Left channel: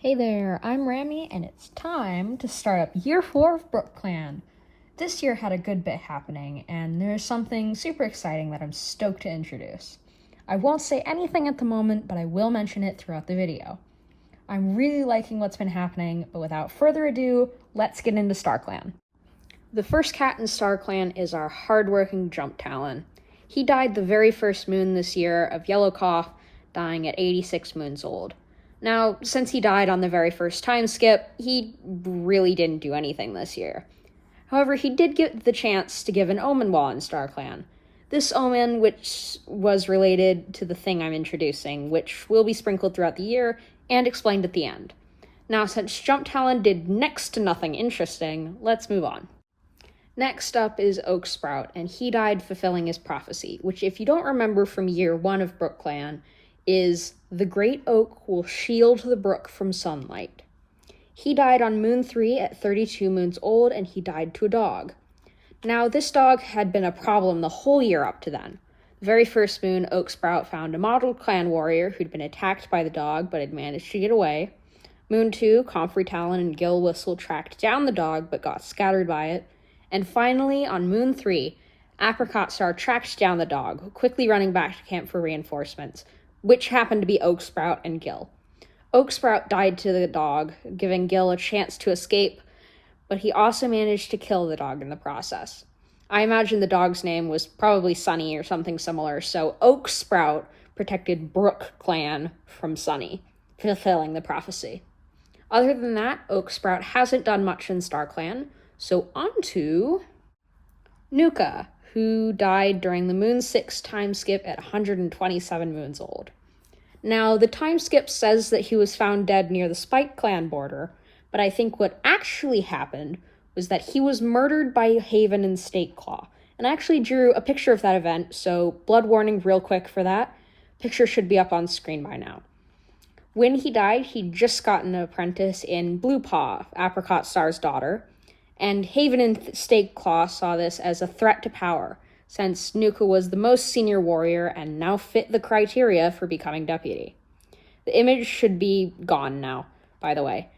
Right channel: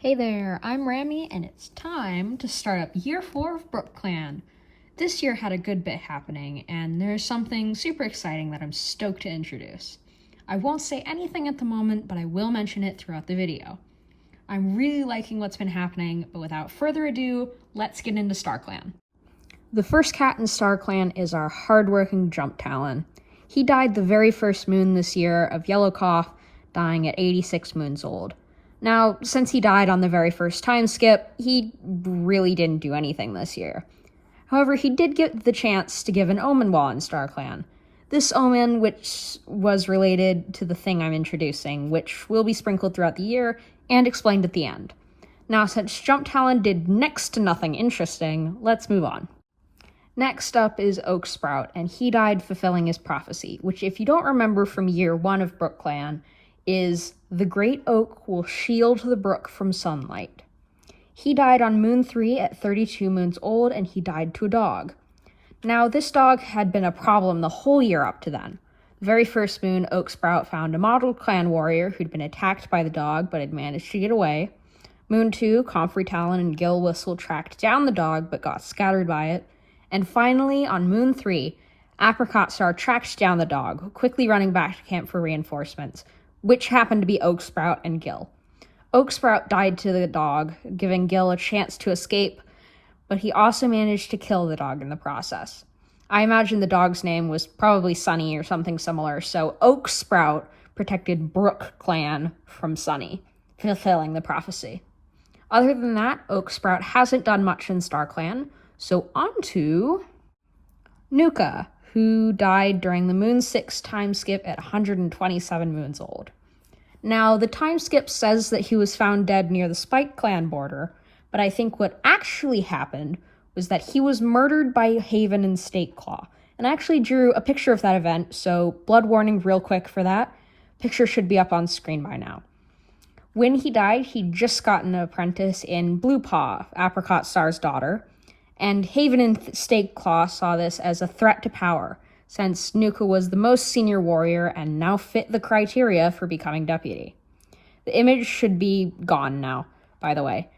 Hey there, I'm Rami, and it's time to start up year 4 of BrookClan. This year had a good bit happening, and there's something super exciting that I'm stoked to introduce. I won't say anything at the moment, but I will mention it throughout the video. I'm really liking what's been happening, but without further ado, let's get into StarClan. The first cat in StarClan is our hardworking Jump Talon. He died the very first moon this year of Yellow Cough, dying at 86 moons old. Now, since he died on the very first time skip, he really didn't do anything this year. However, he did get the chance to give an omen while in StarClan. This omen, which was related to the thing I'm introducing, which will be sprinkled throughout the year and explained at the end. Now, since Jump Talon did next to nothing interesting, let's move on. Next up is Oak Sprout, and he died fulfilling his prophecy, which, if you don't remember from year 1 of BrookClan, is the great oak will shield the brook from sunlight. He died on moon 3 at 32 moons old, and he died to a dog. Now, this dog had been a problem the whole year up to then. The very first moon, Oak Sprout found a modeled clan warrior who'd been attacked by the dog but had managed to get away. Moon 2, Comfrey Talon and Gill Whistle tracked down the dog but got scattered by it. And finally, on moon 3, Apricot Star tracked down the dog, quickly running back to camp for reinforcements, which happened to be Oak Sprout and Gill. Oak Sprout died to the dog, giving Gill a chance to escape, but he also managed to kill the dog in the process. I imagine the dog's name was probably Sunny or something similar, so Oak Sprout protected BrookClan from Sunny, fulfilling the prophecy. Other than that, Oak Sprout hasn't done much in StarClan, so on to Nuka, who died during the Moon 6 time skip at 127 moons old. Now, the time skip says that he was found dead near the Spike Clan border, but I think what actually happened was that he was murdered by Haven and Stakeclaw, and I actually drew a picture of that event, so blood warning real quick for that. Picture should be up on screen by now. When he died, he'd just gotten an apprentice in Blue Paw, Apricot Star's daughter, and Haven and Stakeclaw saw this as a threat to power, since Nuka was the most senior warrior and now fit the criteria for becoming deputy. The image should be gone now, by the way.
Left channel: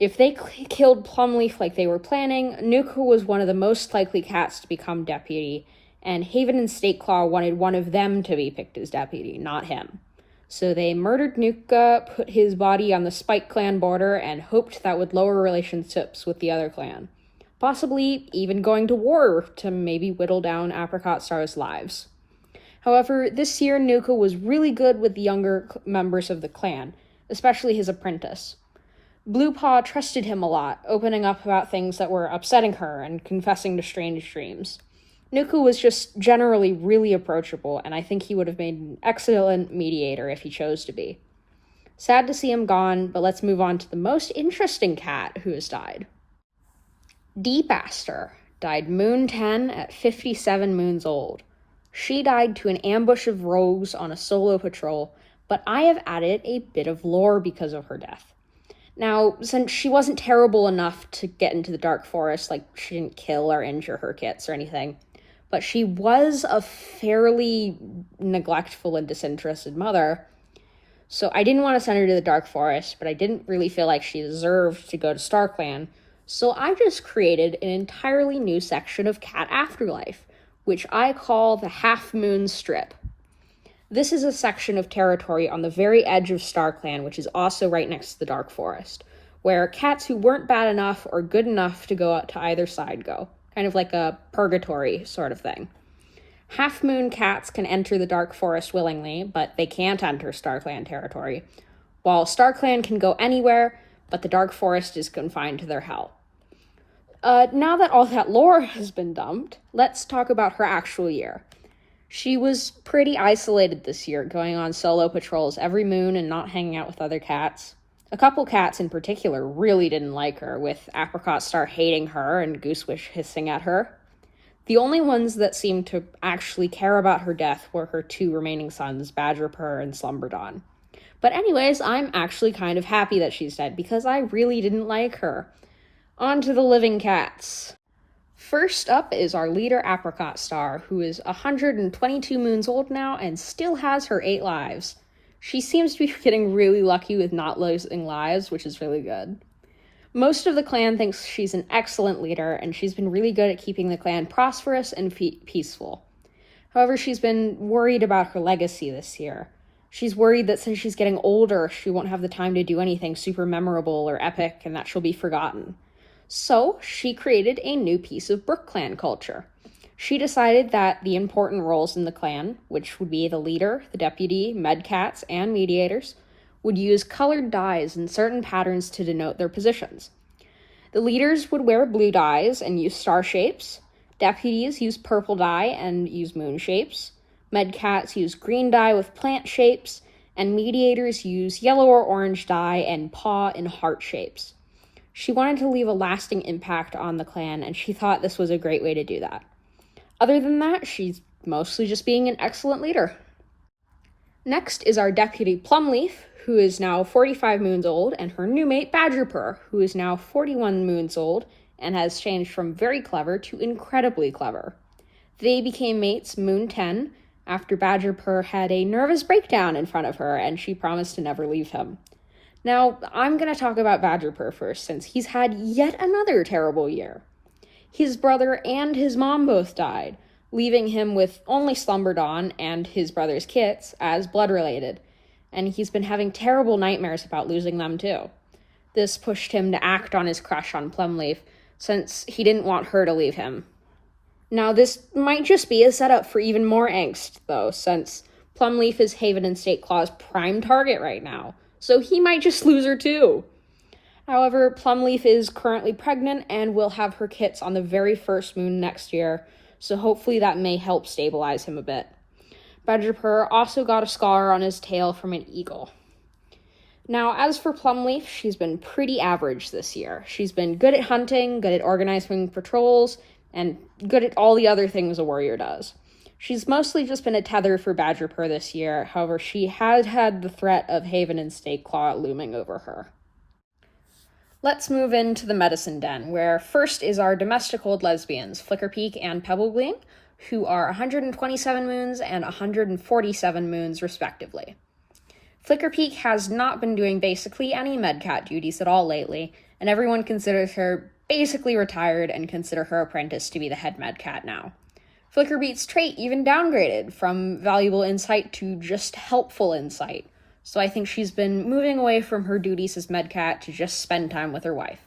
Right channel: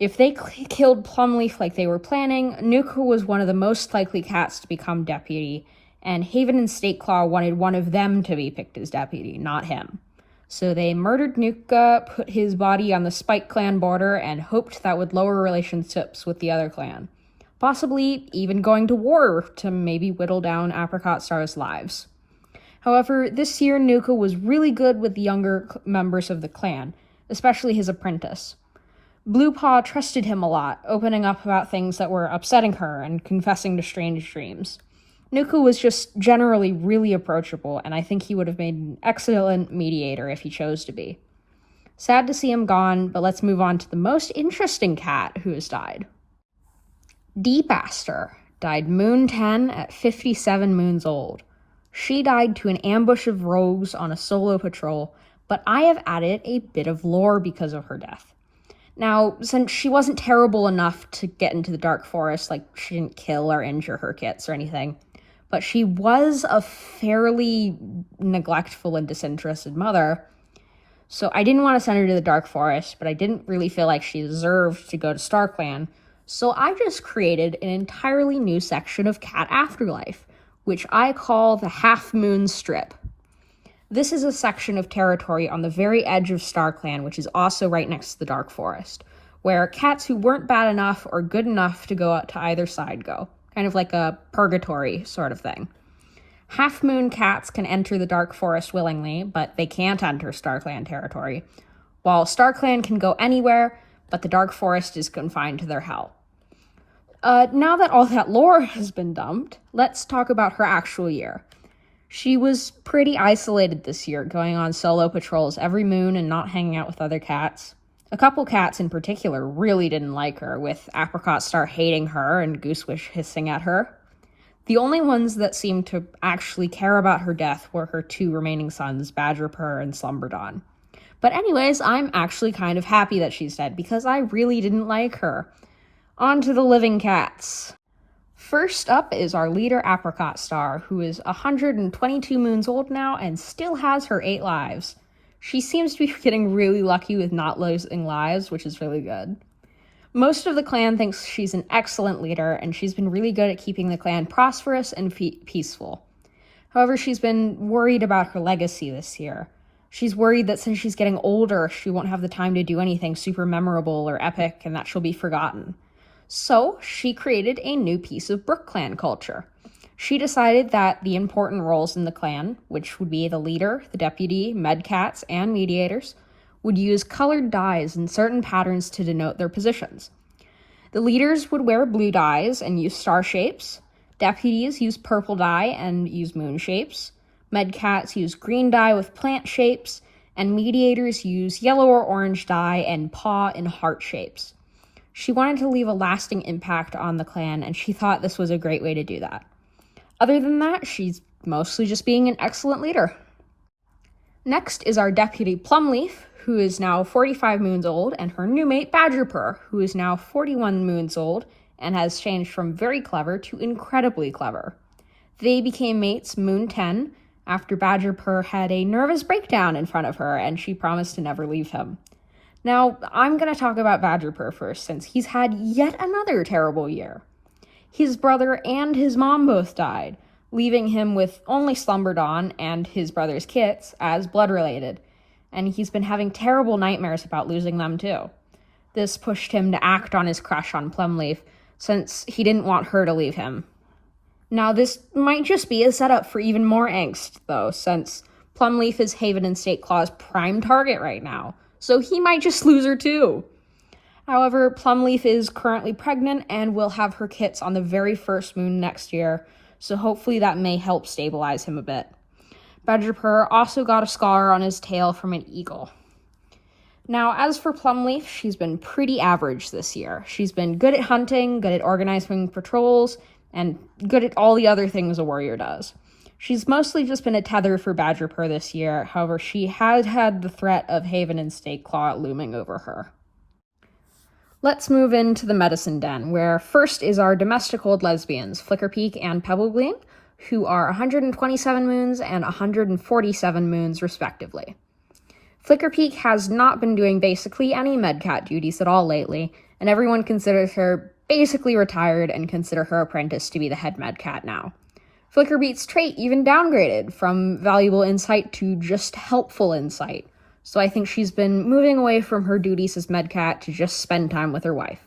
If they killed Plumleaf like they were planning, Nuka was one of the most likely cats to become deputy, and Haven and Stakeclaw wanted one of them to be picked as deputy, not him. So they murdered Nuka, put his body on the Spike Clan border, and hoped that would lower relationships with the other clan. Possibly even going to war to maybe whittle down Apricot Star's lives. However, this year Nuka was really good with the younger members of the clan, especially his apprentice. Blue Paw trusted him a lot, opening up about things that were upsetting her and confessing to strange dreams. Nuka was just generally really approachable, and I think he would have made an excellent mediator if he chose to be. Sad to see him gone, but let's move on to the most interesting cat who has died. Deepaster died moon 10 at 57 moons old. She died to an ambush of rogues on a solo patrol, but I have added a bit of lore because of her death. Now, since she wasn't terrible enough to get into the Dark Forest, like she didn't kill or injure her kits or anything, but she was a fairly neglectful and disinterested mother, so I didn't want to send her to the Dark Forest, but I didn't really feel like she deserved to go to StarClan, so I just created an entirely new section of Cat Afterlife, which I call the Half Moon Strip. This is a section of territory on the very edge of StarClan, which is also right next to the Dark Forest, where cats who weren't bad enough or good enough to go out to either side go. Kind of like a purgatory sort of thing. Half Moon cats can enter the Dark Forest willingly, but they can't enter StarClan territory, while StarClan can go anywhere, but the Dark Forest is confined to their hell. Now that all that lore has been dumped, let's talk about her actual year. She was pretty isolated this year, going on solo patrols every moon and not hanging out with other cats. A couple cats in particular really didn't like her, with Apricot Star hating her and Goosewish hissing at her. The only ones that seemed to actually care about her death were her 2 remaining sons, Badgerpurr and Slumberdawn. But anyways, I'm actually kind of happy that she's dead, because I really didn't like her. On to the living cats. First up is our leader Apricot Star, who is 122 moons old now and still has her 8 lives. She seems to be getting really lucky with not losing lives, which is really good. Most of the clan thinks she's an excellent leader, and she's been really good at keeping the clan prosperous and peaceful. However, she's been worried about her legacy this year. She's worried that since she's getting older, she won't have the time to do anything super memorable or epic, and that she'll be forgotten. So, she created a new piece of BrookClan culture. She decided that the important roles in the clan, which would be the leader, the deputy, medcats, and mediators, would use colored dyes in certain patterns to denote their positions. The leaders would wear blue dyes and use star shapes. Deputies use purple dye and use moon shapes. Medcats use green dye with plant shapes. And mediators use yellow or orange dye and paw and heart shapes. She wanted to leave a lasting impact on the clan, and she thought this was a great way to do that. Other than that, she's mostly just being an excellent leader. Next is our deputy Plumleaf, who is now 45 moons old, and her new mate Badgerpur, who is now 41 moons old and has changed from very clever to incredibly clever. They became mates Moon 10 after Badgerpur had a nervous breakdown in front of her, and she promised to never leave him. Now, I'm going to talk about Badgerpur first, since he's had yet another terrible year. His brother and his mom both died, leaving him with only Slumberdawn and his brother's kits as blood-related, and he's been having terrible nightmares about losing them too. This pushed him to act on his crush on Plumleaf, since he didn't want her to leave him. Now, this might just be a setup for even more angst, though, since Plumleaf is Haven and State Claw's prime target right now, so he might just lose her too. However, Plumleaf is currently pregnant and will have her kits on the very first moon next year, so hopefully that may help stabilize him a bit. Badgerpur also got a scar on his tail from an eagle. Now, as for Plumleaf, she's been pretty average this year. She's been good at hunting, good at organizing patrols, and good at all the other things a warrior does. She's mostly just been a tether for Badgerpur this year, however, she has had the threat of Haven and State Claw looming over her. Let's move into the medicine den, where first is our domestic old lesbians, Flickerpeak and Pebblegleam, who are 127 moons and 147 moons respectively. Flickerpeak has not been doing basically any medcat duties at all lately, and everyone considers her basically retired and consider her apprentice to be the head medcat now. Flickerbeak's trait even downgraded from valuable insight to just helpful insight, so I think she's been moving away from her duties as medcat to just spend time with her wife.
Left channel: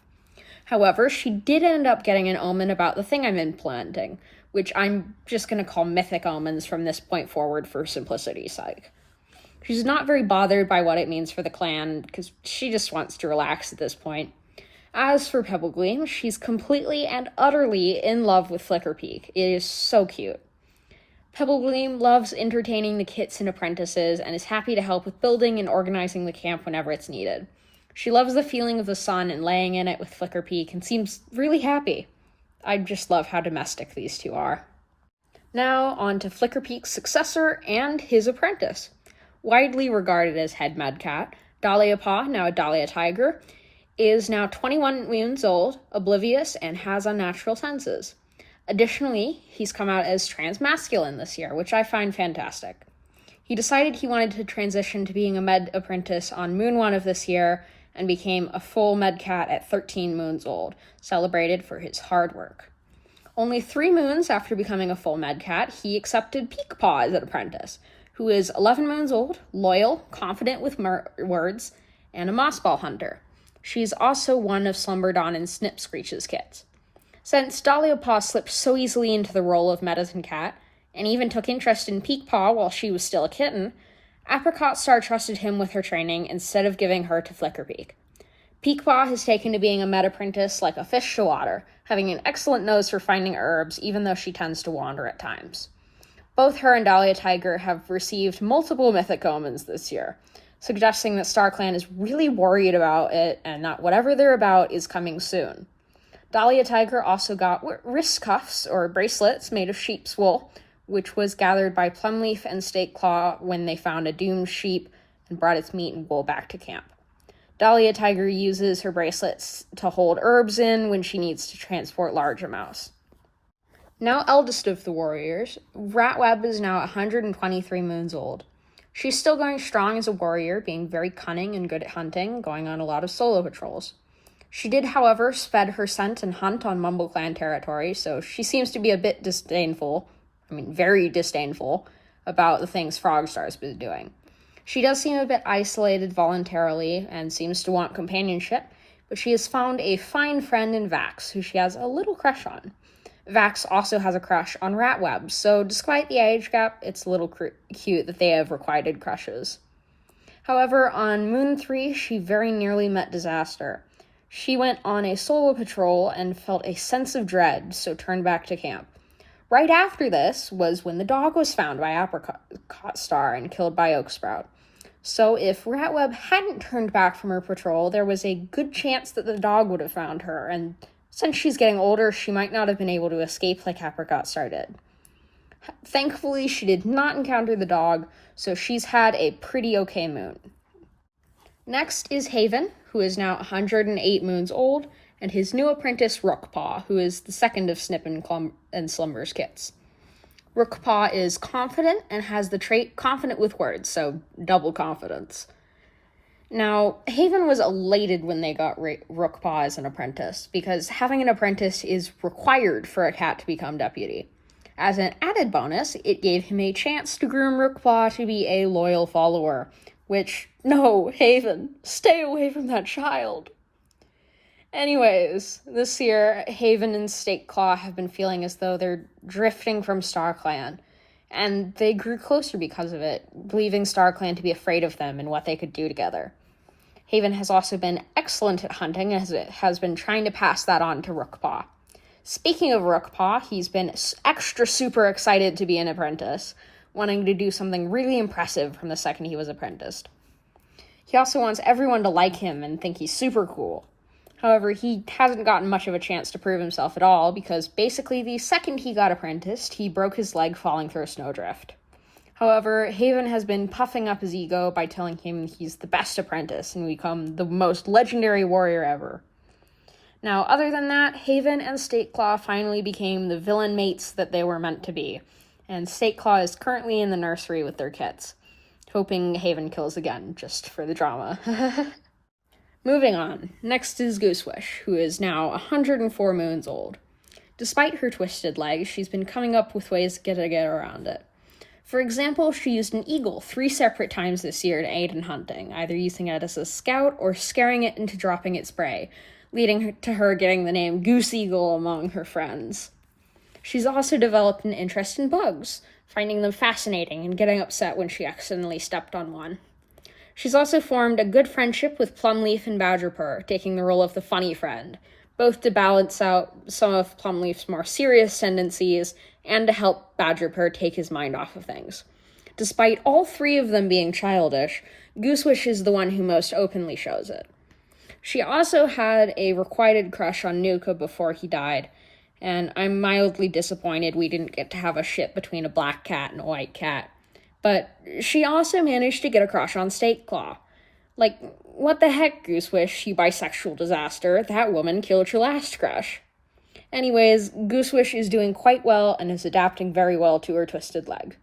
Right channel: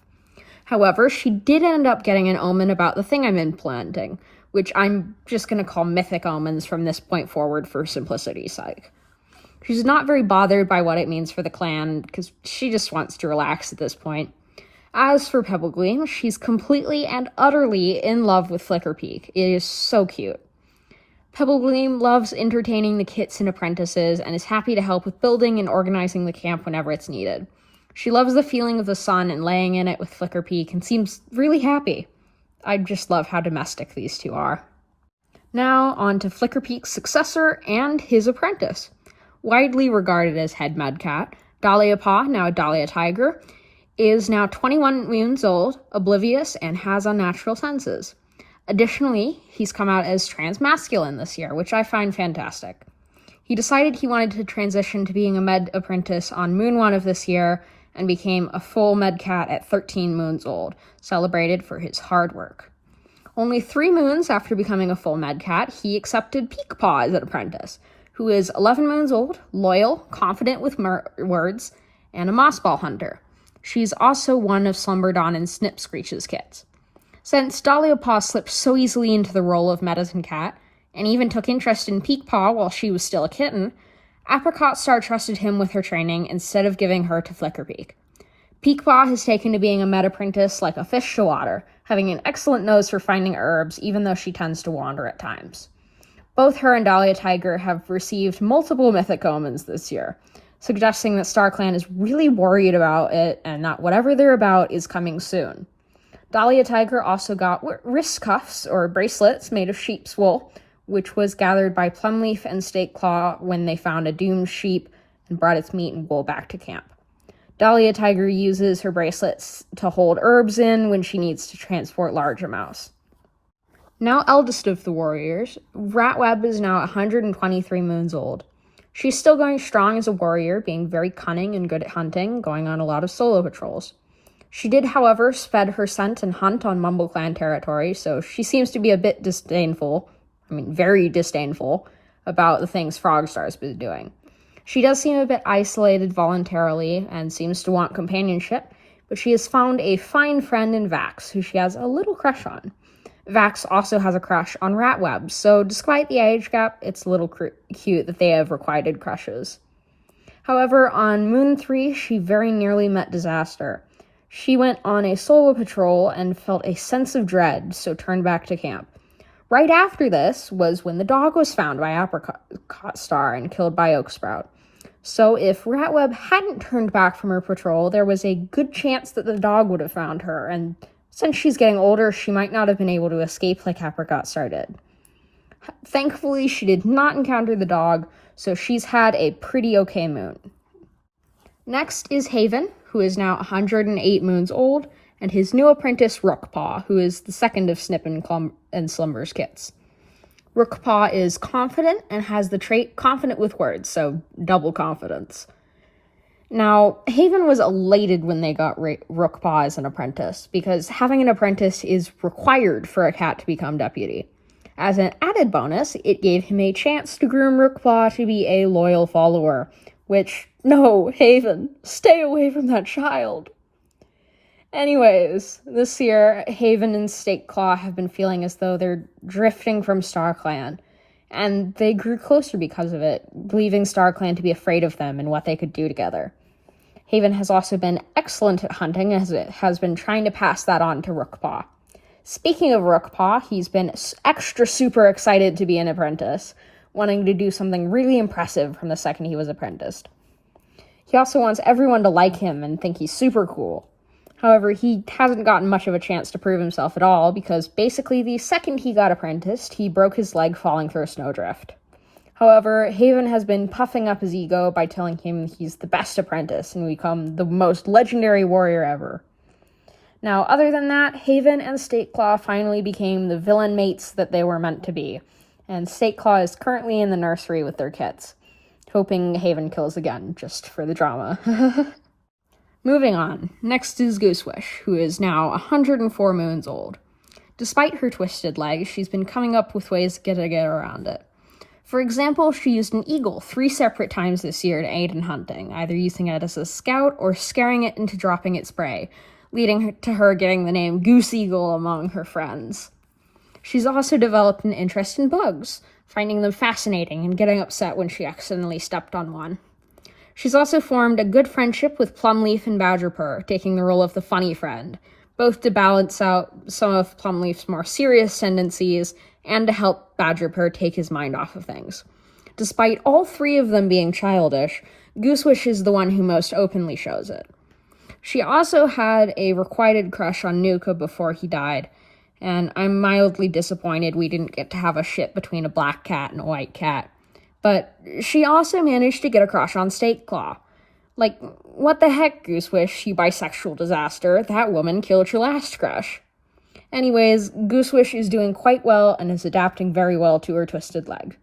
However, she did end up getting an omen about the thing I'm implementing, which I'm just going to call mythic omens from this point forward for simplicity's sake. She's not very bothered by what it means for the clan, because she just wants to relax at this point. As for Pebblegleam, she's completely and utterly in love with Flickerpeak. It is so cute. Pebblegleam loves entertaining the kits and apprentices and is happy to help with building and organizing the camp whenever it's needed. She loves the feeling of the sun and laying in it with Flickerpeak and seems really happy. I just love how domestic these two are. Now on to Flickerpeak's successor and his apprentice. Widely regarded as head medcat, Dahlia Paw, now a Dahlia Tiger, is now 21 moons old, oblivious, and has unnatural senses. Additionally, he's come out as transmasculine this year, which I find fantastic. He decided he wanted to transition to being a med apprentice on Moon 1 of this year and became a full medcat at 13 moons old, celebrated for his hard work. Only 3 moons after becoming a full medcat, he accepted Peakpaw as an apprentice, who is 11 moons old, loyal, confident with words, and a mossball hunter. She's also one of Slumberdawn and Snipscreech's kits. Since Dahlia Paw slipped so easily into the role of medicine cat, and even took interest in Peakpaw while she was still a kitten, Apricot Star trusted him with her training instead of giving her to Flickerpeak. Peakpaw has taken to being a med apprentice like a fish to water, having an excellent nose for finding herbs, even though she tends to wander at times. Both her and Dahlia Tiger have received multiple mythic omens this year, suggesting that StarClan is really worried about it and that whatever they're about is coming soon. Dahlia Tiger also got wrist cuffs, or bracelets, made of sheep's wool, which was gathered by Plumleaf and State Claw when they found a doomed sheep and brought its meat and wool back to camp. Dahlia Tiger uses her bracelets to hold herbs in when she needs to transport large amounts. Now eldest of the warriors, Ratweb is now 123 moons old. She's still going strong as a warrior, being very cunning and good at hunting, going on a lot of solo patrols. She did, however, spread her scent and hunt on BrookClan territory, so she seems to be a bit very disdainful, about the things Frogstar's been doing. She does seem a bit isolated voluntarily and seems to want companionship, but she has found a fine friend in Vax, who she has a little crush on. Vax also has a crush on Ratweb, so despite the age gap, it's a little cute that they have requited crushes. However, on Moon 3, she very nearly met disaster. She went on a solo patrol and felt a sense of dread, so turned back to camp. Right after this was when the dog was found by Apricot Star and killed by Oaksprout. So if Ratweb hadn't turned back from her patrol, there was a good chance that the dog would have found her, and since she's getting older, she might not have been able to escape like Apricot Star did. Thankfully, she did not encounter the dog, so she's had a pretty okay moon. Next is Haven, who is now 108 moons old, and his new apprentice, Rookpaw, who is the second of Snip and Slumber's kits. Rookpaw is confident and has the trait confident with words, so double confidence. Now, Haven was elated when they got Rookpaw as an apprentice, because having an apprentice is required for a cat to become deputy. As an added bonus, it gave him a chance to groom Rookpaw to be a loyal follower, which, no, Haven, stay away from that child. Anyways, this year, Haven and Stakeclaw have been feeling as though they're drifting from StarClan, and they grew closer because of it, believing StarClan to be afraid of them and what they could do together. Haven has also been excellent at hunting, as it has been trying to pass that on to Rookpaw. Speaking of Rookpaw, he's been extra super excited to be an apprentice, wanting to do something really impressive from the second he was apprenticed. He also wants everyone to like him and think he's super cool. However, he hasn't gotten much of a chance to prove himself at all, because basically the second he got apprenticed, he broke his leg falling through a snowdrift. However, Haven has been puffing up his ego by telling him he's the best apprentice and become the most legendary warrior ever. Now, other than that, Haven and Stakeclaw finally became the villain mates that they were meant to be, and Stakeclaw is currently in the nursery with their kits, hoping Haven kills again, just for the drama. Moving on, next is Goosewish, who is now 104 moons old. Despite her twisted leg, she's been coming up with ways to get around it. For example, she used an eagle 3 separate times this year to aid in hunting, either using it as a scout or scaring it into dropping its prey, leading to her getting the name Goose Eagle among her friends. She's also developed an interest in bugs, finding them fascinating and getting upset when she accidentally stepped on one. She's also formed a good friendship with Plumleaf and Badgerpur, taking the role of the funny friend, both to balance out some of Plumleaf's more serious tendencies and to help Badgerpur take his mind off of things. Despite all 3 of them being childish, Goosewish is the one who most openly shows it. She also had a requited crush on Nuka before he died, and I'm mildly disappointed we didn't get to have a ship between a black cat and a white cat. But she also managed to get a crush on Stakeclaw. Like, what the heck, Goosewish, you bisexual disaster? That woman killed your last crush. Anyways, Goosewish is doing quite well and is adapting very well to her twisted leg.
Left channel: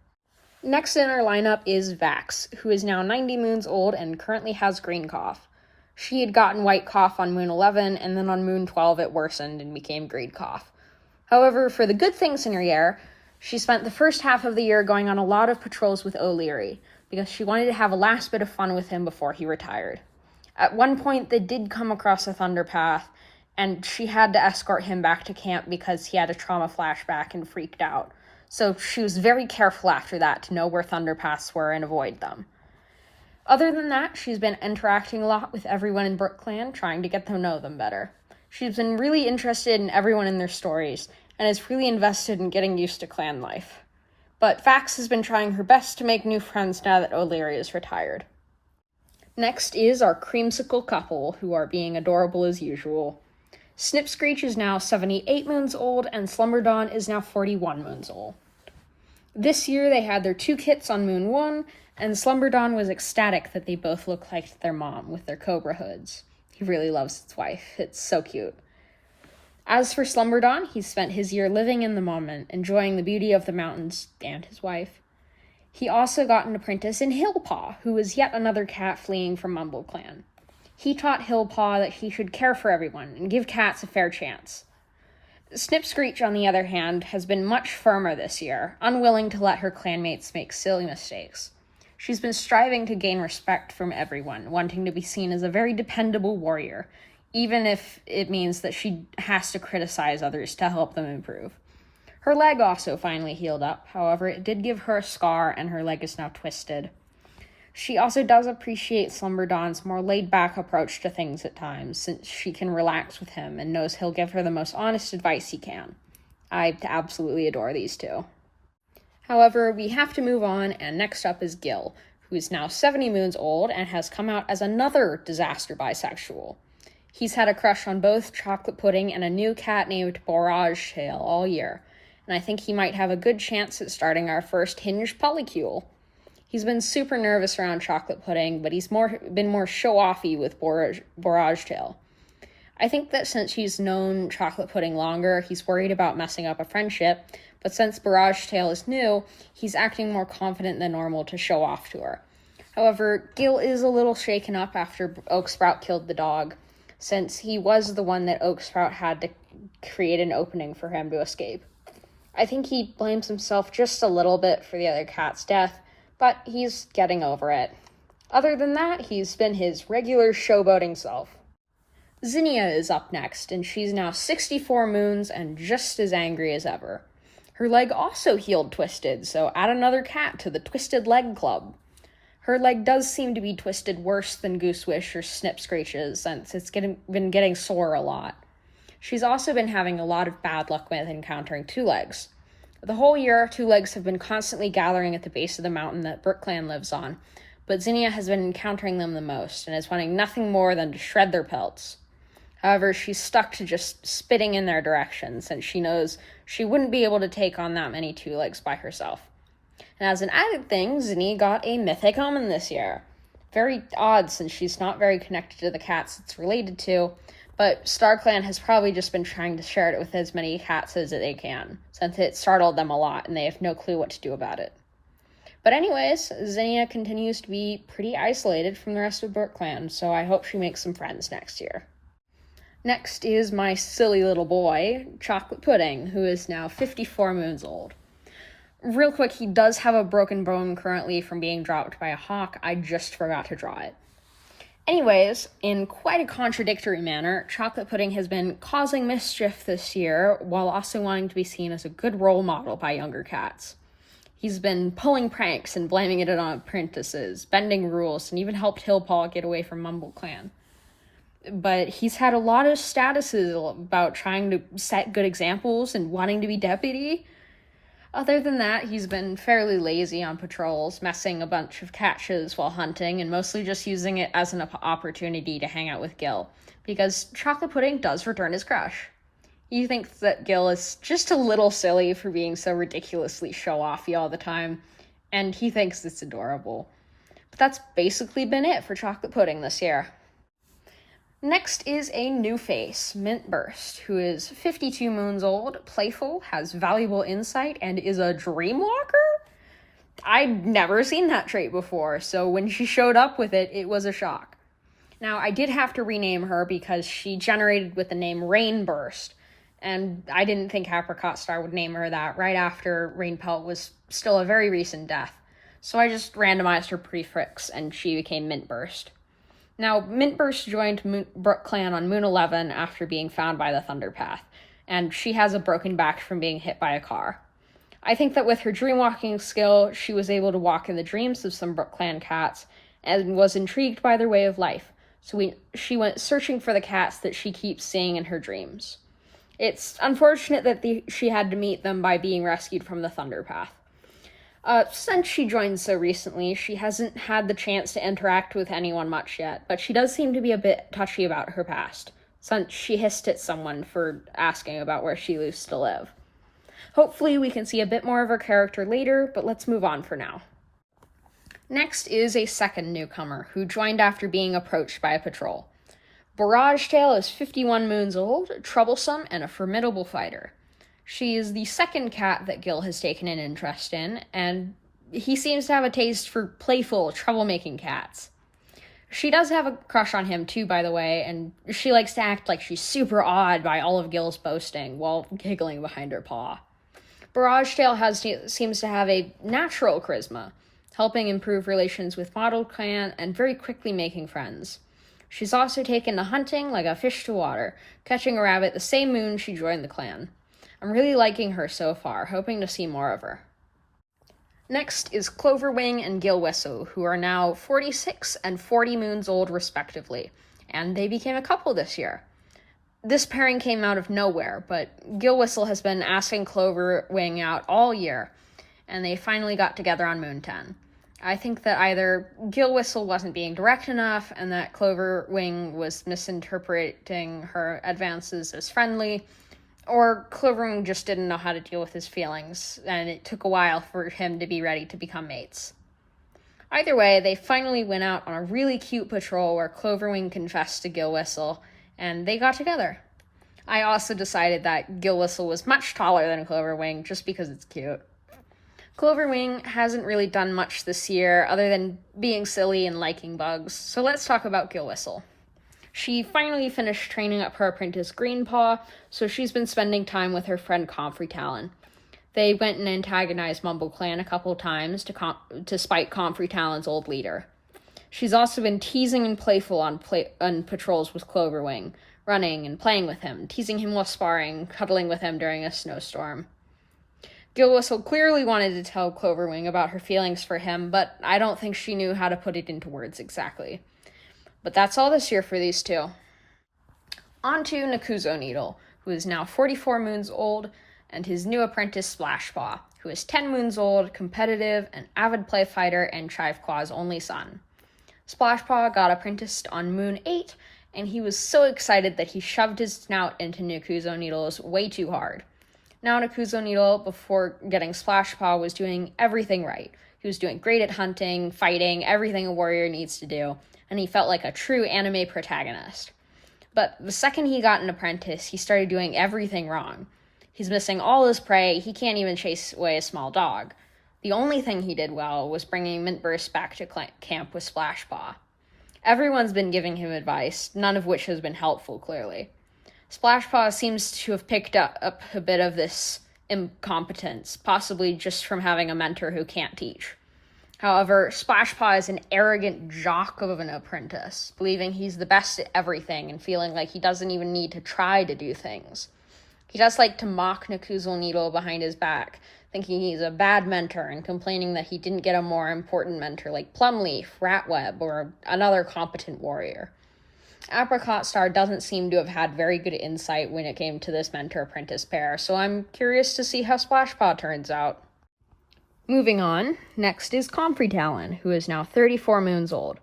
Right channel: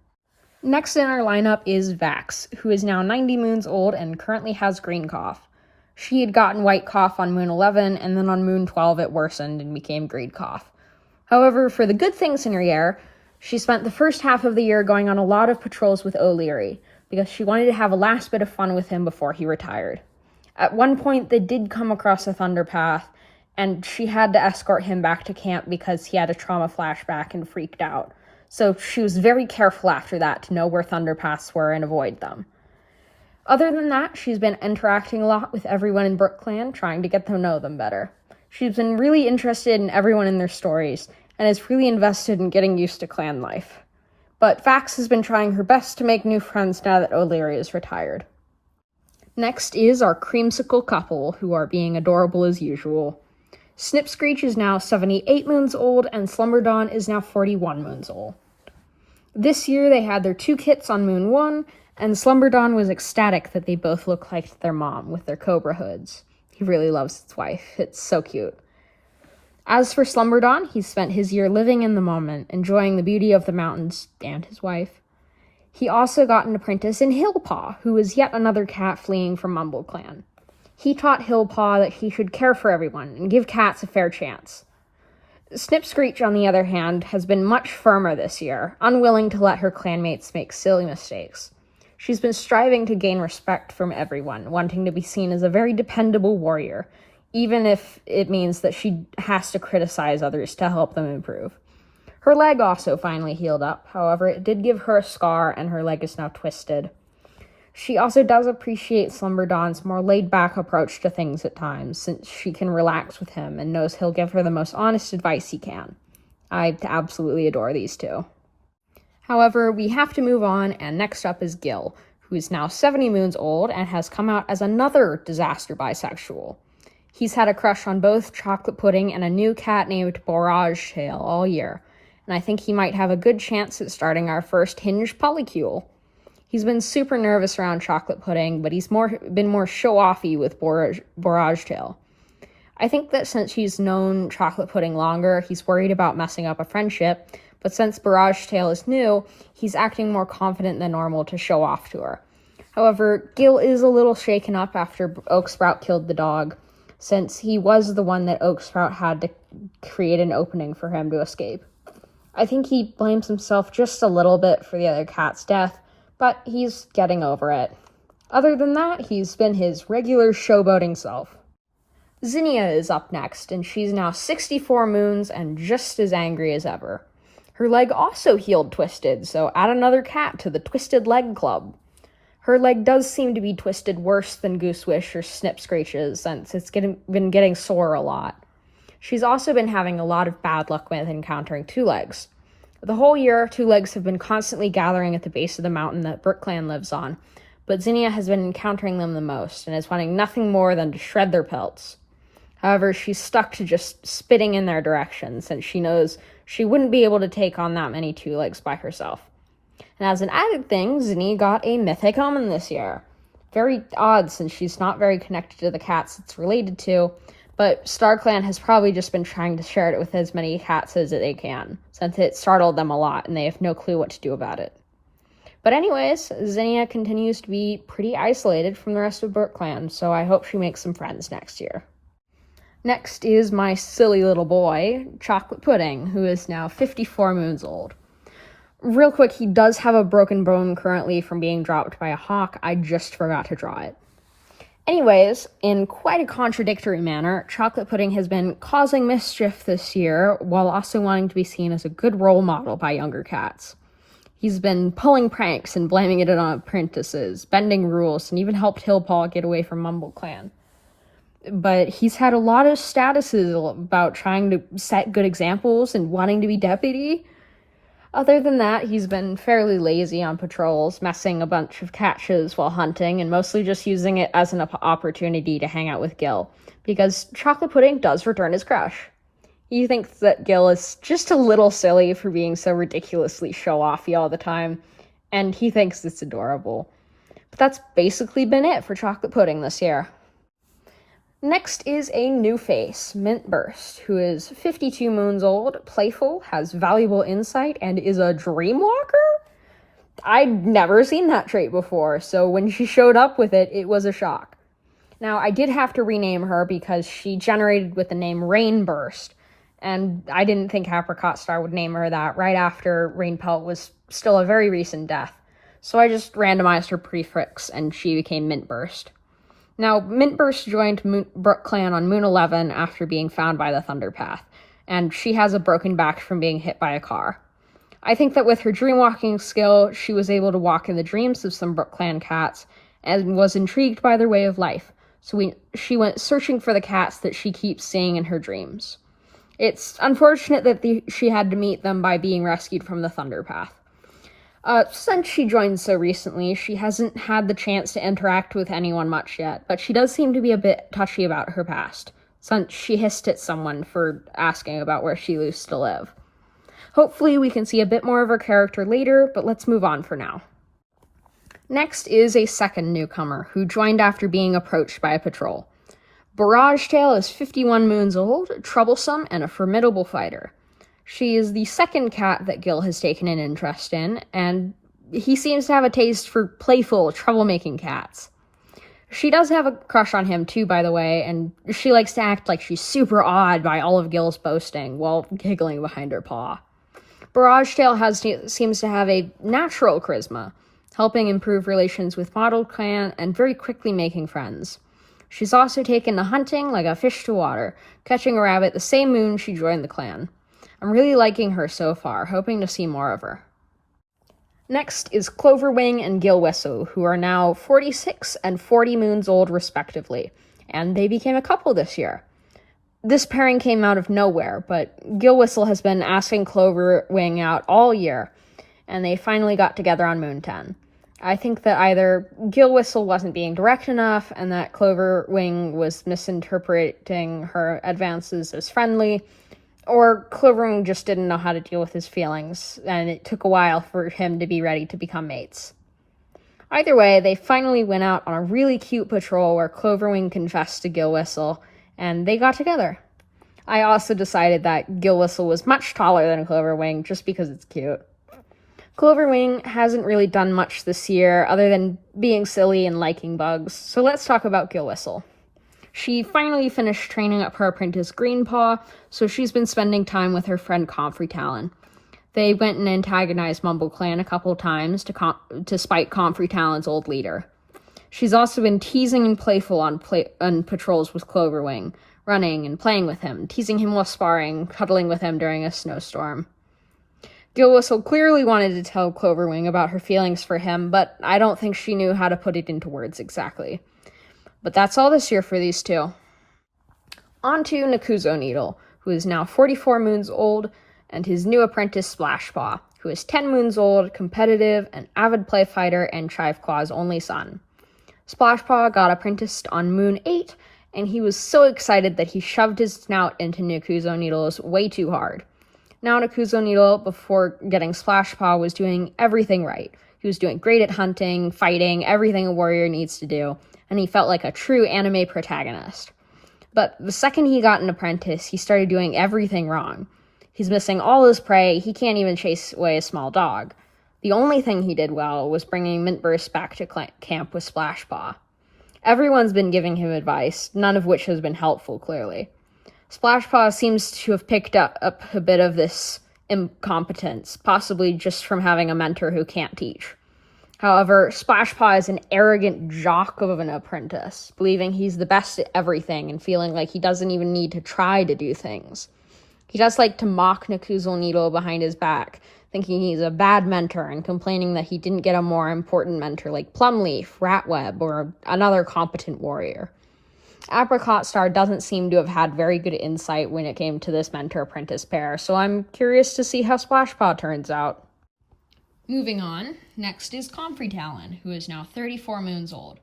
Next in our lineup is Vax, who is now 90 moons old and currently has green cough. She had gotten white cough on Moon 11, and then on Moon 12 it worsened and became green cough. However, for the good things in her year, she spent the first half of the year going on a lot of patrols with O'Leary, because she wanted to have a last bit of fun with him before he retired. At one point, they did come across a thunder path, and she had to escort him back to camp because he had a trauma flashback and freaked out. So she was very careful after that to know where thunder paths were and avoid them. Other than that, she's been interacting a lot with everyone in BrookClan, trying to get to know them better. She's been really interested in everyone in their stories, and is really invested in getting used to clan life. But Vax has been trying her best to make new friends now that O'Leary is retired. Next is our creamsicle couple, who are being adorable as usual. Snipscreech is now 78 moons old, and Slumberdawn is now 41 moons old. This year they had their 2 kits on Moon 1, and Slumberdawn was ecstatic that they both look like their mom with their cobra hoods. He really loves his wife. It's so cute. As for Slumberdawn, he spent his year living in the moment, enjoying the beauty of the mountains and his wife. He also got an apprentice in Hillpaw, who was yet another cat fleeing from BrookClan. He taught Hillpaw that he should care for everyone and give cats a fair chance. Snip Screech, on the other hand, has been much firmer this year, unwilling to let her clanmates make silly mistakes. She's been striving to gain respect from everyone, wanting to be seen as a very dependable warrior, even if it means that she has to criticize others to help them improve. Her leg also finally healed up, however, it did give her a scar and her leg is now twisted. She also does appreciate Slumberdawn's more laid-back approach to things at times, since she can relax with him and knows he'll give her the most honest advice he can. I absolutely adore these two. However, we have to move on, and next up is Gil, who is now 70 moons old and has come out as another disaster bisexual. He's had a crush on both Chocolate Pudding and a new cat named Borage Tail all year, and I think he might have a good chance at starting our first hinged polycule. He's been super nervous around Chocolate Pudding, but he's been more show-offy with Borage Tail. I think that since he's known Chocolate Pudding longer, he's worried about messing up a friendship, but since Borage Tail is new, he's acting more confident than normal to show off to her. However, Gil is a little shaken up after Oak Sprout killed the dog, since he was the one that Oak Sprout had to create an opening for him to escape. I think he blames himself just a little bit for the other cat's death, but he's getting over it. Other than that, he's been his regular showboating self. Zinnia is up next, and she's now 64 moons and just as angry as ever. Her leg also healed twisted, so add another cat to the Twisted Leg Club. Her leg does seem to be twisted worse than Goosewish or Snip Screech's, since it's been getting sore a lot. She's also been having a lot of bad luck with encountering Two Legs. The whole year, Two Legs have been constantly gathering at the base of the mountain that BrookClan lives on, but Zinnia has been encountering them the most, and is wanting nothing more than to shred their pelts. However, she's stuck to just spitting in their direction, since she knows she wouldn't be able to take on that many Two Legs by herself. And as an added thing, Zinnia got a mythic omen this year. Very odd, since she's not very connected to the cats it's related to, but StarClan has probably just been trying to share it with as many cats as they can, since it startled them a lot and they have no clue what to do about it. But anyways, Zinnia continues to be pretty isolated from the rest of BrookClan, so I hope she makes some friends next year. Next is my silly little boy, Chocolate Pudding, who is now 54 moons old. Real quick, he does have a broken bone currently from being dropped by a hawk. I just forgot to draw it. Anyways, in quite a contradictory manner, Chocolate Pudding has been causing mischief this year, while also wanting to be seen as a good role model by younger cats. He's been pulling pranks and blaming it on apprentices, bending rules, and even helped Hillpaw get away from BrookClan. But he's had a lot of statuses about trying to set good examples and wanting to be deputy. Other than that, he's been fairly lazy on patrols, messing a bunch of catches while hunting, and mostly just using it as an opportunity to hang out with Gil, because Chocolate Pudding does return his crush. He thinks that Gil is just a little silly for being so ridiculously show-offy all the time, and he thinks it's adorable. But that's basically been it for Chocolate Pudding this year. Next is a new face, Mint Burst, who is 52 moons old, playful, has valuable insight, and is a dreamwalker? I'd never seen that trait before, so when she showed up with it, it was a shock. Now, I did have to rename her because she generated with the name Rainburst, and I didn't think Apricot Star would name her that right after Rainpelt was still a very recent death, so I just randomized her prefix and she became Mint Burst. Now, Mintburst joined BrookClan on Moon 11 after being found by the Thunderpath, and she has a broken back from being hit by a car. I think that with her dreamwalking skill, she was able to walk in the dreams of some BrookClan cats, and was intrigued by their way of life, so she went searching for the cats that she keeps seeing in her dreams. It's unfortunate that she had to meet them by being rescued from the Thunderpath. Since she joined so recently, she hasn't had the chance to interact with anyone much yet, but she does seem to be a bit touchy about her past, since she hissed at someone for asking about where she used to live. Hopefully we can see a bit more of her character later, but let's move on for now. Next is a second newcomer, who joined after being approached by a patrol. Barrage Tail is 51 moons old, troublesome, and a formidable fighter. She is the second cat that Gil has taken an interest in, and he seems to have a taste for playful, troublemaking cats. She does have a crush on him too, by the way, and she likes to act like she's super awed by all of Gil's boasting while giggling behind her paw. Barrage Tail seems to have a natural charisma, helping improve relations with Model Clan and very quickly making friends. She's also taken to hunting like a fish to water, catching a rabbit the same moon she joined the clan. I'm really liking her so far, hoping to see more of her. Next is Cloverwing and Gil Whistle, who are now 46 and 40 moons old respectively, and they became a couple this year. This pairing came out of nowhere, but Gil Whistle has been asking Cloverwing out all year, and they finally got together on Moon 10. I think that either Gil Whistle wasn't being direct enough, and that Cloverwing was misinterpreting her advances as friendly, or Cloverwing just didn't know how to deal with his feelings, and it took a while for him to be ready to become mates. Either way, they finally went out on a really cute patrol where Cloverwing confessed to Gil Whistle, and they got together. I also decided that Gil Whistle was much taller than Cloverwing, just because it's cute. Cloverwing hasn't really done much this year, other than being silly and liking bugs, so let's talk about Gil Whistle. She finally finished training up her apprentice Greenpaw, so she's been spending time with her friend Comfrey Talon. They went and antagonized Mumble Clan a couple times to spite Comfrey Talon's old leader. She's also been teasing and playful on patrols with Cloverwing, running and playing with him, teasing him while sparring, cuddling with him during a snowstorm. Gil Whistle clearly wanted to tell Cloverwing about her feelings for him, but I don't think she knew how to put it into words exactly. But that's all this year for these two. On to Nakuzo Needle, who is now 44 moons old, and his new apprentice Splashpaw, who is 10 moons old, competitive, an avid play fighter, and Chiveclaw's only son. Splashpaw got apprenticed on Moon 8, and he was so excited that he shoved his snout into Nakuzo Needle's way too hard. Now Nakuzo Needle, before getting Splashpaw, was doing everything right. He was doing great at hunting, fighting, everything a warrior needs to do, and he felt like a true anime protagonist. But the second he got an apprentice, he started doing everything wrong. He's missing all his prey, he can't even chase away a small dog. The only thing he did well was bringing Mintburst back to camp with Splashpaw. Everyone's been giving him advice, none of which has been helpful, clearly. Splashpaw seems to have picked up a bit of this incompetence, possibly just from having a mentor who can't teach. However, Splashpaw is an arrogant jock of an apprentice, believing he's the best at everything and feeling like he doesn't even need to try to do things. He does like to mock Nakuzo Needle behind his back, thinking he's a bad mentor and complaining that he didn't get a more important mentor like Plumleaf, Ratweb, or another competent warrior. Apricot Star doesn't seem to have had very good insight when it came to this mentor-apprentice pair, so I'm curious to see how Splashpaw turns out. Moving on, next is Comfrey Talon, who is now 34 moons old.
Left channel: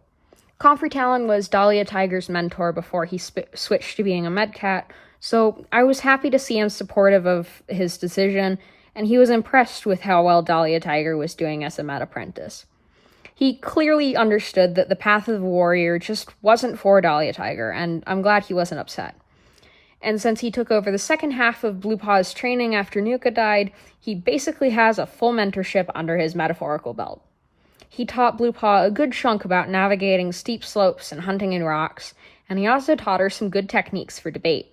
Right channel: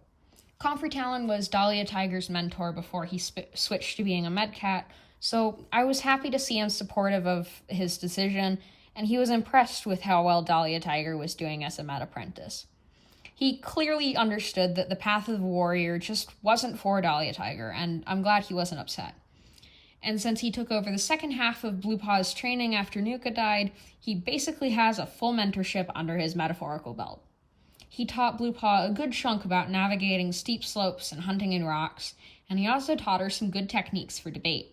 Comfrey Talon was Dahlia Tiger's mentor before he switched to being a medcat, so I was happy to see him supportive of his decision, and he was impressed with how well Dahlia Tiger was doing as a med apprentice. He clearly understood that the path of the warrior just wasn't for Dahlia Tiger, and I'm glad he wasn't upset. And since he took over the second half of Bluepaw's training after Nuka died, he basically has a full mentorship under his metaphorical belt. He taught Bluepaw a good chunk about navigating steep slopes and hunting in rocks, and he also taught her some good techniques for debate.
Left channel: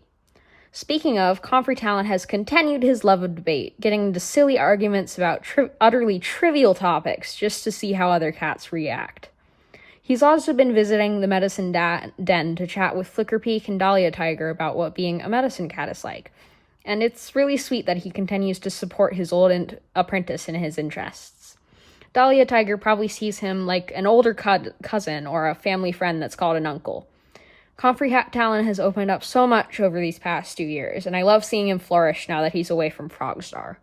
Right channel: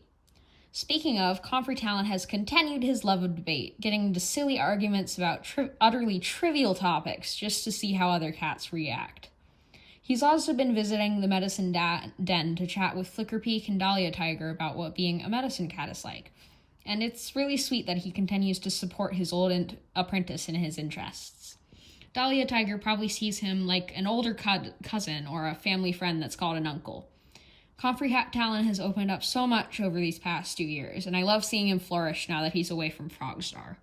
Speaking of, Comfrey Talon has continued his love of debate, getting into silly arguments about utterly trivial topics just to see how other cats react. He's also been visiting the medicine den to chat with Flickerpeak and Dahlia Tiger about what being a medicine cat is like, and it's really sweet that he continues to support his old apprentice in his interests. Dahlia Tiger probably sees him like an older cousin or a family friend that's called an uncle. Comfrey Talon has opened up so much over these past 2 years, and I love seeing him flourish now that he's away from Frogstar.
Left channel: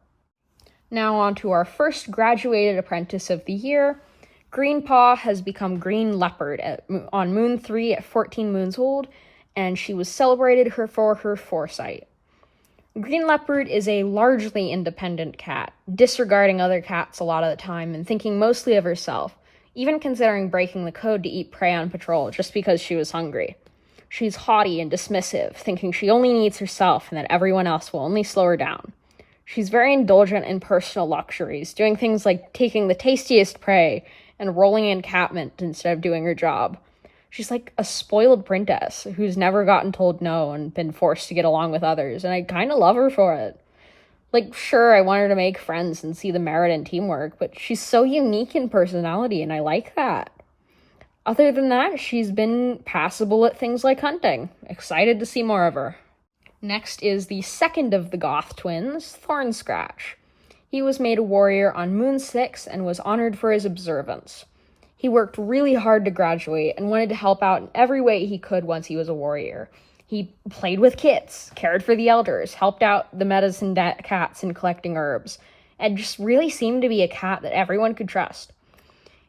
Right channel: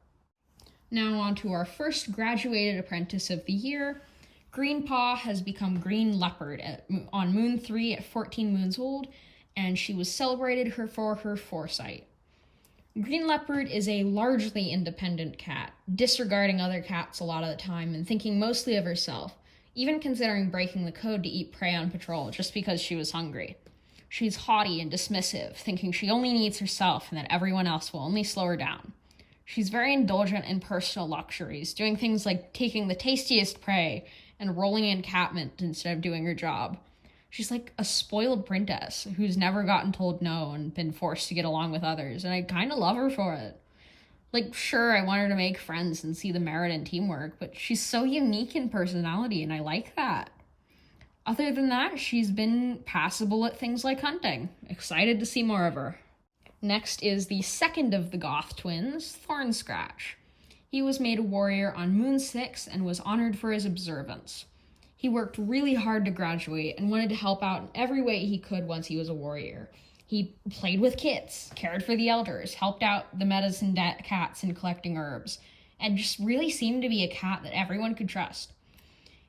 Now on to our first graduated apprentice of the year. Greenpaw has become Green Leopard on Moon 3 at 14 moons old, and she was celebrated for her foresight. Green Leopard is a largely independent cat, disregarding other cats a lot of the time and thinking mostly of herself, even considering breaking the code to eat prey on patrol just because she was hungry. She's haughty and dismissive, thinking she only needs herself and that everyone else will only slow her down. She's very indulgent in personal luxuries, doing things like taking the tastiest prey and rolling in catmint instead of doing her job. She's like a spoiled princess who's never gotten told no and been forced to get along with others, and I kind of love her for it. Like, sure, I want her to make friends and see the merit in teamwork, but she's so unique in personality, and I like that. Other than that, she's been passable at things like hunting. Excited to see more of her. Next is the second of the Goth twins, Thornscratch. He was made a warrior on Moon 6 and was honored for his observance. He worked really hard to graduate and wanted to help out in every way he could once he was a warrior. He played with kids, cared for the elders, helped out the medicine cats in collecting herbs, and just really seemed to be a cat that everyone could trust.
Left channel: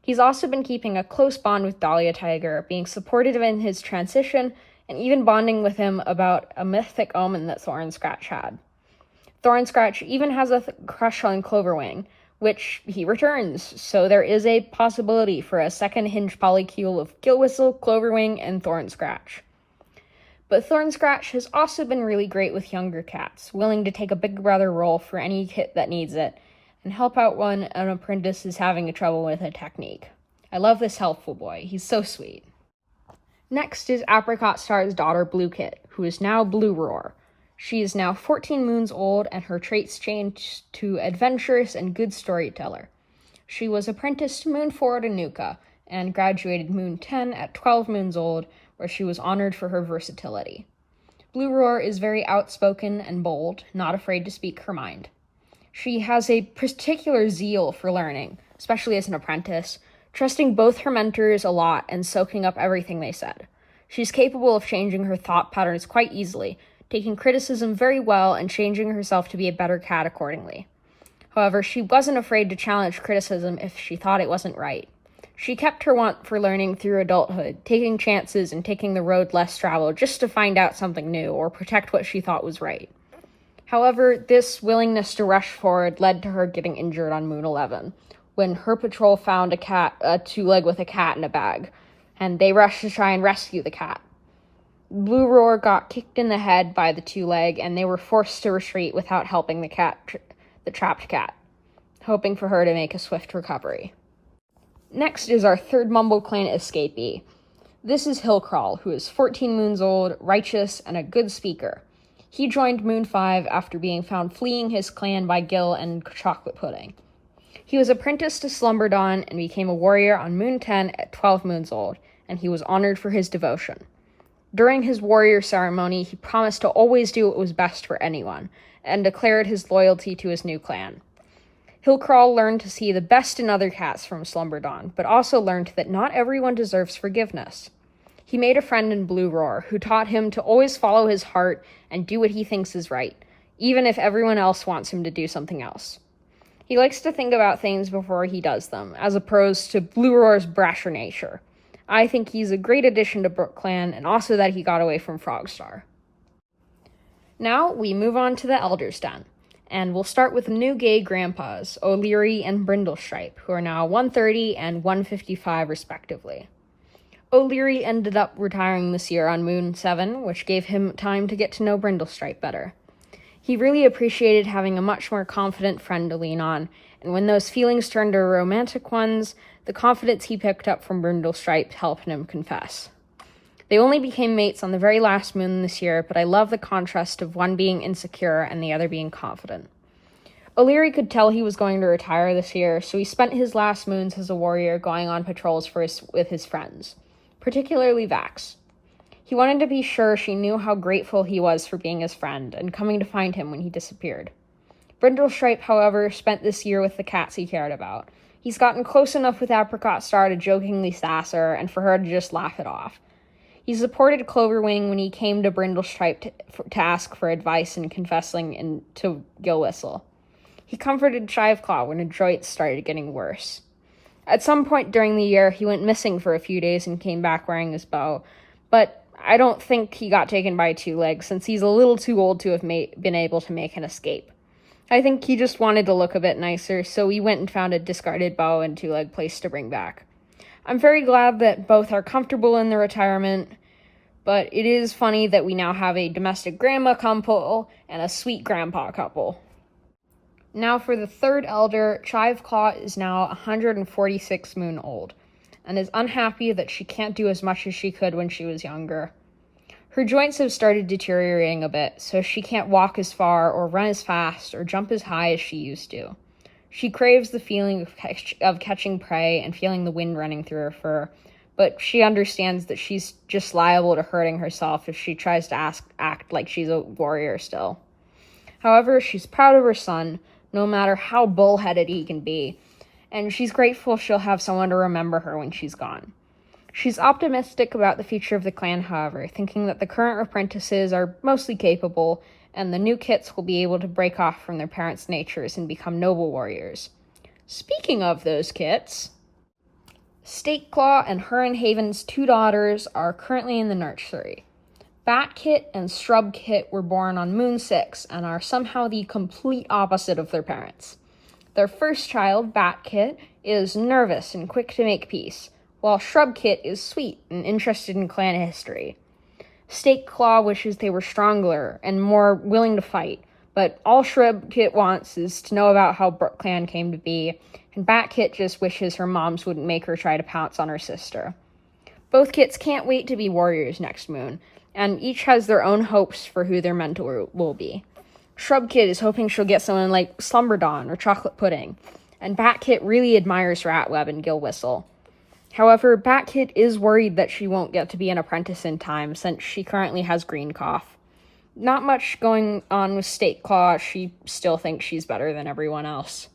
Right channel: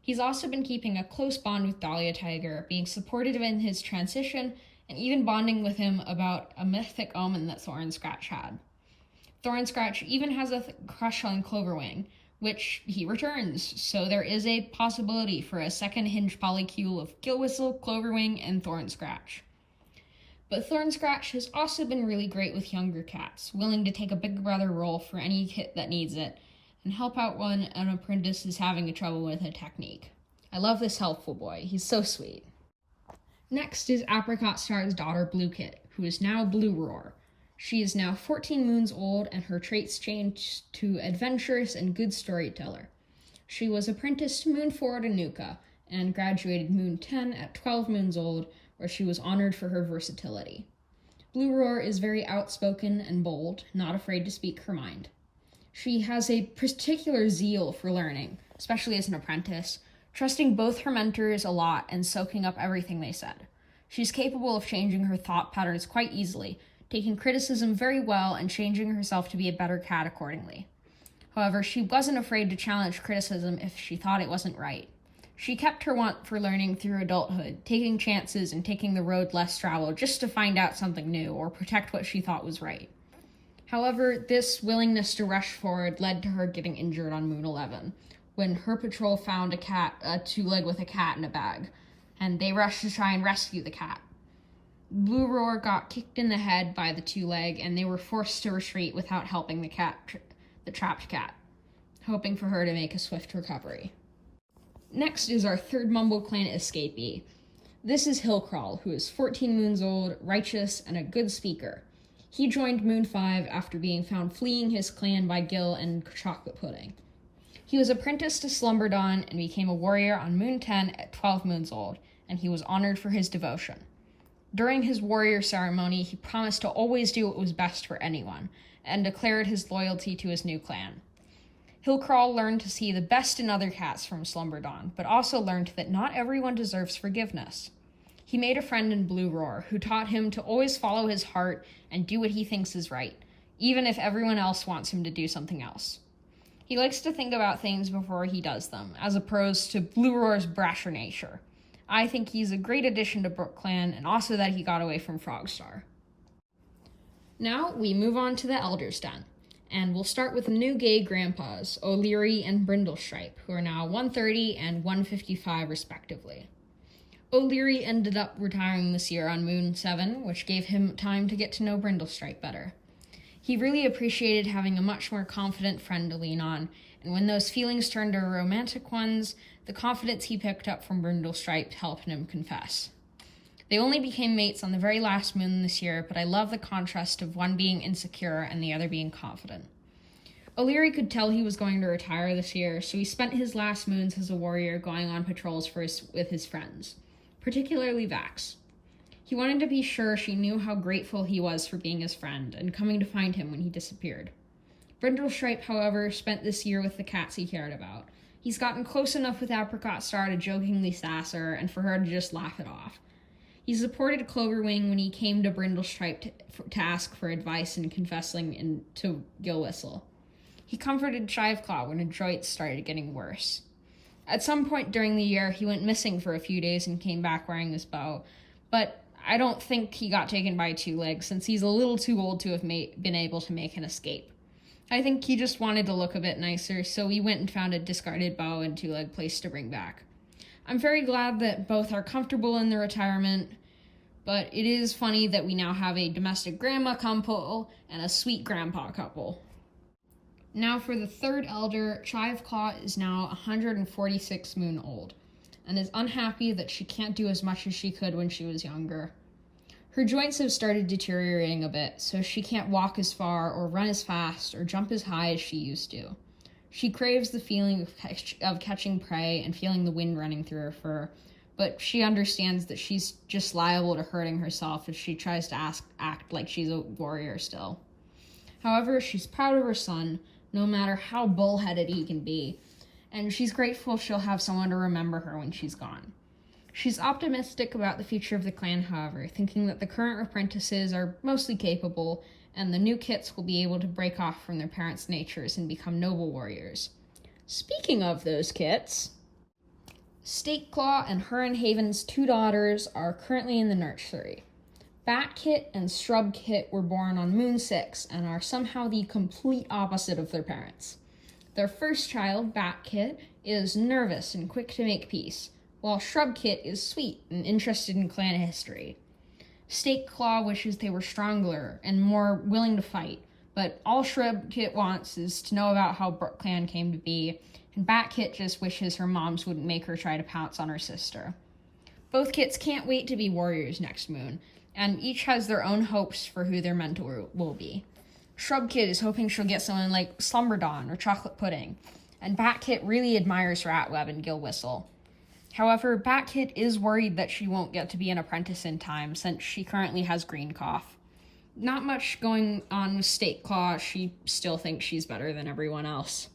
He's also been keeping a close bond with Dahlia Tiger, being supportive in his transition, and even bonding with him about a mythic omen that Thornscratch had. Thornscratch even has a crush on Cloverwing, which he returns, so there is a possibility for a second hinge polycule of Gillwhistle, Cloverwing, and Thornscratch. But Thornscratch has also been really great with younger cats, willing to take a big brother role for any kit that needs it, and help out when an apprentice is having trouble with a technique. I love this helpful boy, he's so sweet. Next is Apricot Star's daughter Blue Kit, who is now Blue Roar. She is now 14 moons old, and her traits changed to adventurous and good storyteller. She was apprenticed to Moon 4 at Anuka, and graduated Moon 10 at 12 moons old, where she was honored for her versatility. Blue Roar is very outspoken and bold, not afraid to speak her mind. She has a particular zeal for learning, especially as an apprentice, trusting both her mentors a lot and soaking up everything they said. She's capable of changing her thought patterns quite easily, taking criticism very well and changing herself to be a better cat accordingly. However, she wasn't afraid to challenge criticism if she thought it wasn't right. She kept her want for learning through adulthood, taking chances and taking the road less traveled just to find out something new or protect what she thought was right. However, this willingness to rush forward led to her getting injured on Moon 11, when her patrol found a two-leg with a cat in a bag, and they rushed to try and rescue the cat. Blue Roar got kicked in the head by the two-leg, and they were forced to retreat without helping the trapped cat, hoping for her to make a swift recovery. Next is our third BrookClan escapee. This is Hillcrawl, who is 14 moons old, righteous, and a good speaker. He joined Moon 5 after being found fleeing his clan by Gil and Chocolate Pudding. He was apprenticed to Slumberdawn and became a warrior on Moon 10 at 12 moons old, and he was honored for his devotion. During his warrior ceremony, he promised to always do what was best for anyone, and declared his loyalty to his new clan. Hillcrawl learned to see the best in other cats from Slumberdawn, but also learned that not everyone deserves forgiveness. He made a friend in Blue Roar, who taught him to always follow his heart and do what he thinks is right, even if everyone else wants him to do something else. He likes to think about things before he does them, as opposed to Blue Roar's brasher nature. I think he's a great addition to BrookClan, and also that he got away from Frogstar. Now, we move on to the Elder's Den, and we'll start with new gay grandpas, O'Leary and Brindlestripe, who are now 130 and 155 respectively. O'Leary ended up retiring this year on Moon 7, which gave him time to get to know Brindlestripe better. He really appreciated having a much more confident friend to lean on, and when those feelings turned to romantic ones, the confidence he picked up from Brindlestripe helped him confess. They only became mates on the very last moon this year, but I love the contrast of one being insecure and the other being confident. O'Leary could tell he was going to retire this year, so he spent his last moons as a warrior going on patrols with his friends, particularly Vax. He wanted to be sure she knew how grateful he was for being his friend and coming to find him when he disappeared. Brindlestripe, however, spent this year with the cats he cared about. He's gotten close enough with Apricot Star to jokingly sass her and for her to just laugh it off. He supported Cloverwing when he came to Brindlestripe to ask for advice in confessing to Gillwhistle. He comforted Shiveclaw when Adroit started getting worse. At some point during the year, he went missing for a few days and came back wearing his bow, but I don't think he got taken by Two Legs, since he's a little too old to have been able to make an escape. I think he just wanted to look a bit nicer, so he went and found a discarded bow and Two Leg place to bring back. I'm very glad that both are comfortable in their retirement, but it is funny that we now have a domestic grandma couple and a sweet grandpa couple. Now for the third elder, Chiveclaw is now 146 moon old, and is unhappy that she can't do as much as she could when she was younger. Her joints have started deteriorating a bit, so she can't walk as far or run as fast or jump as high as she used to. She craves the feeling of catching prey and feeling the wind running through her fur, but she understands that she's just liable to hurting herself if she tries to act like she's a warrior still. However, she's proud of her son, no matter how bullheaded he can be, and she's grateful she'll have someone to remember her when she's gone. She's optimistic about the future of the clan, however, thinking that the current apprentices are mostly capable, and the new kits will be able to break off from their parents' natures and become noble warriors. Speaking of those kits, Stakeclaw and her and Haven's 2 daughters are currently in the nursery. Batkit and Shrubkit were born on Moon 6 and are somehow the complete opposite of their parents. Their first child, Batkit, is nervous and quick to make peace, while Shrubkit is sweet and interested in clan history. Stakeclaw wishes they were stronger and more willing to fight, but all Shrubkit wants is to know about how BrookClan came to be, and Batkit just wishes her moms wouldn't make her try to pounce on her sister. Both kits can't wait to be warriors next moon, and each has their own hopes for who their mentor will be. Shrubkit is hoping she'll get someone like Slumberdawn or Chocolate Pudding, and Batkit really admires Ratweb and Gill Whistle. However, Batkit is worried that she won't get to be an apprentice in time since she currently has green cough. Not much going on with Stakeclaw, she still thinks she's better than everyone else.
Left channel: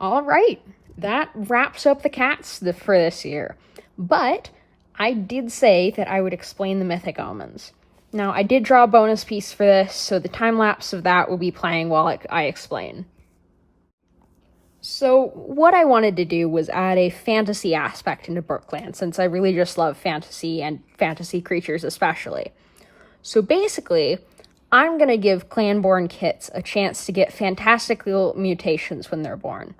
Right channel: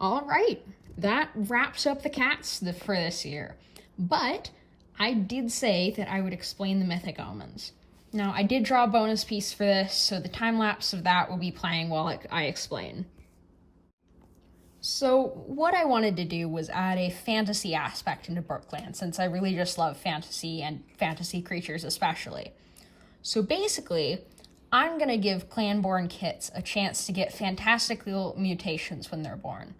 Alright, that wraps up the cats for this year. But I did say that I would explain the mythic omens. Now, I did draw a bonus piece for this, so the time-lapse of that will be playing while I explain. So, what I wanted to do was add a fantasy aspect into BrookClan, since I really just love fantasy, and fantasy creatures especially. So basically, I'm going to give clan-born kits a chance to get fantastical mutations when they're born.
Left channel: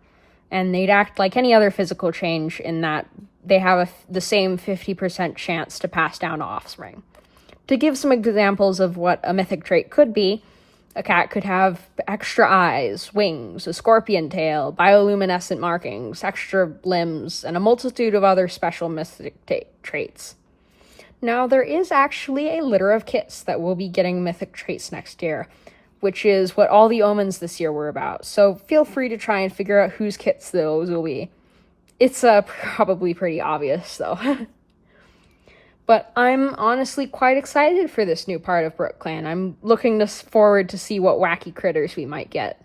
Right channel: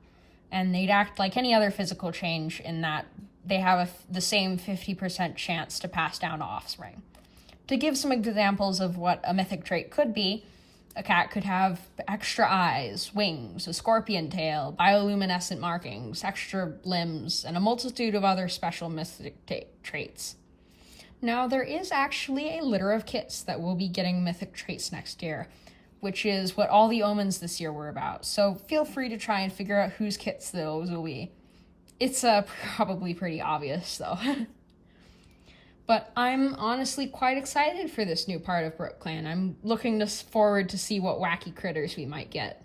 And they'd act like any other physical change in that they have the same 50% chance to pass down to offspring. To give some examples of what a mythic trait could be, a cat could have extra eyes, wings, a scorpion tail, bioluminescent markings, extra limbs, and a multitude of other special mythic traits. Now, there is actually a litter of kits that will be getting mythic traits next year, which is what all the omens this year were about, so feel free to try and figure out whose kits those will be. It's probably pretty obvious, though. But I'm honestly quite excited for this new part of BrookClan. I'm looking forward to see what wacky critters we might get.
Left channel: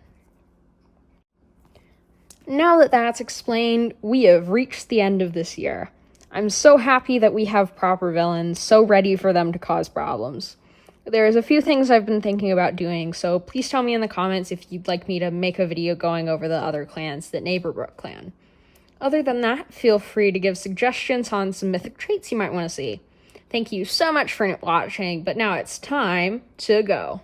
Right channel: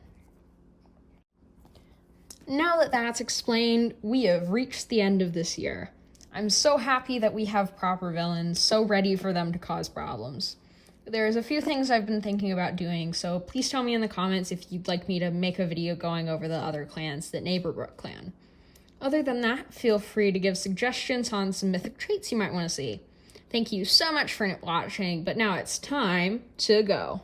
Now that that's explained, we have reached the end of this year. I'm so happy that we have proper villains, so ready for them to cause problems. There's a few things I've been thinking about doing, so please tell me in the comments if you'd like me to make a video going over the other clans that neighbor BrookClan. Other than that, feel free to give suggestions on some mythic traits you might want to see. Thank you so much for watching, but now it's time to go.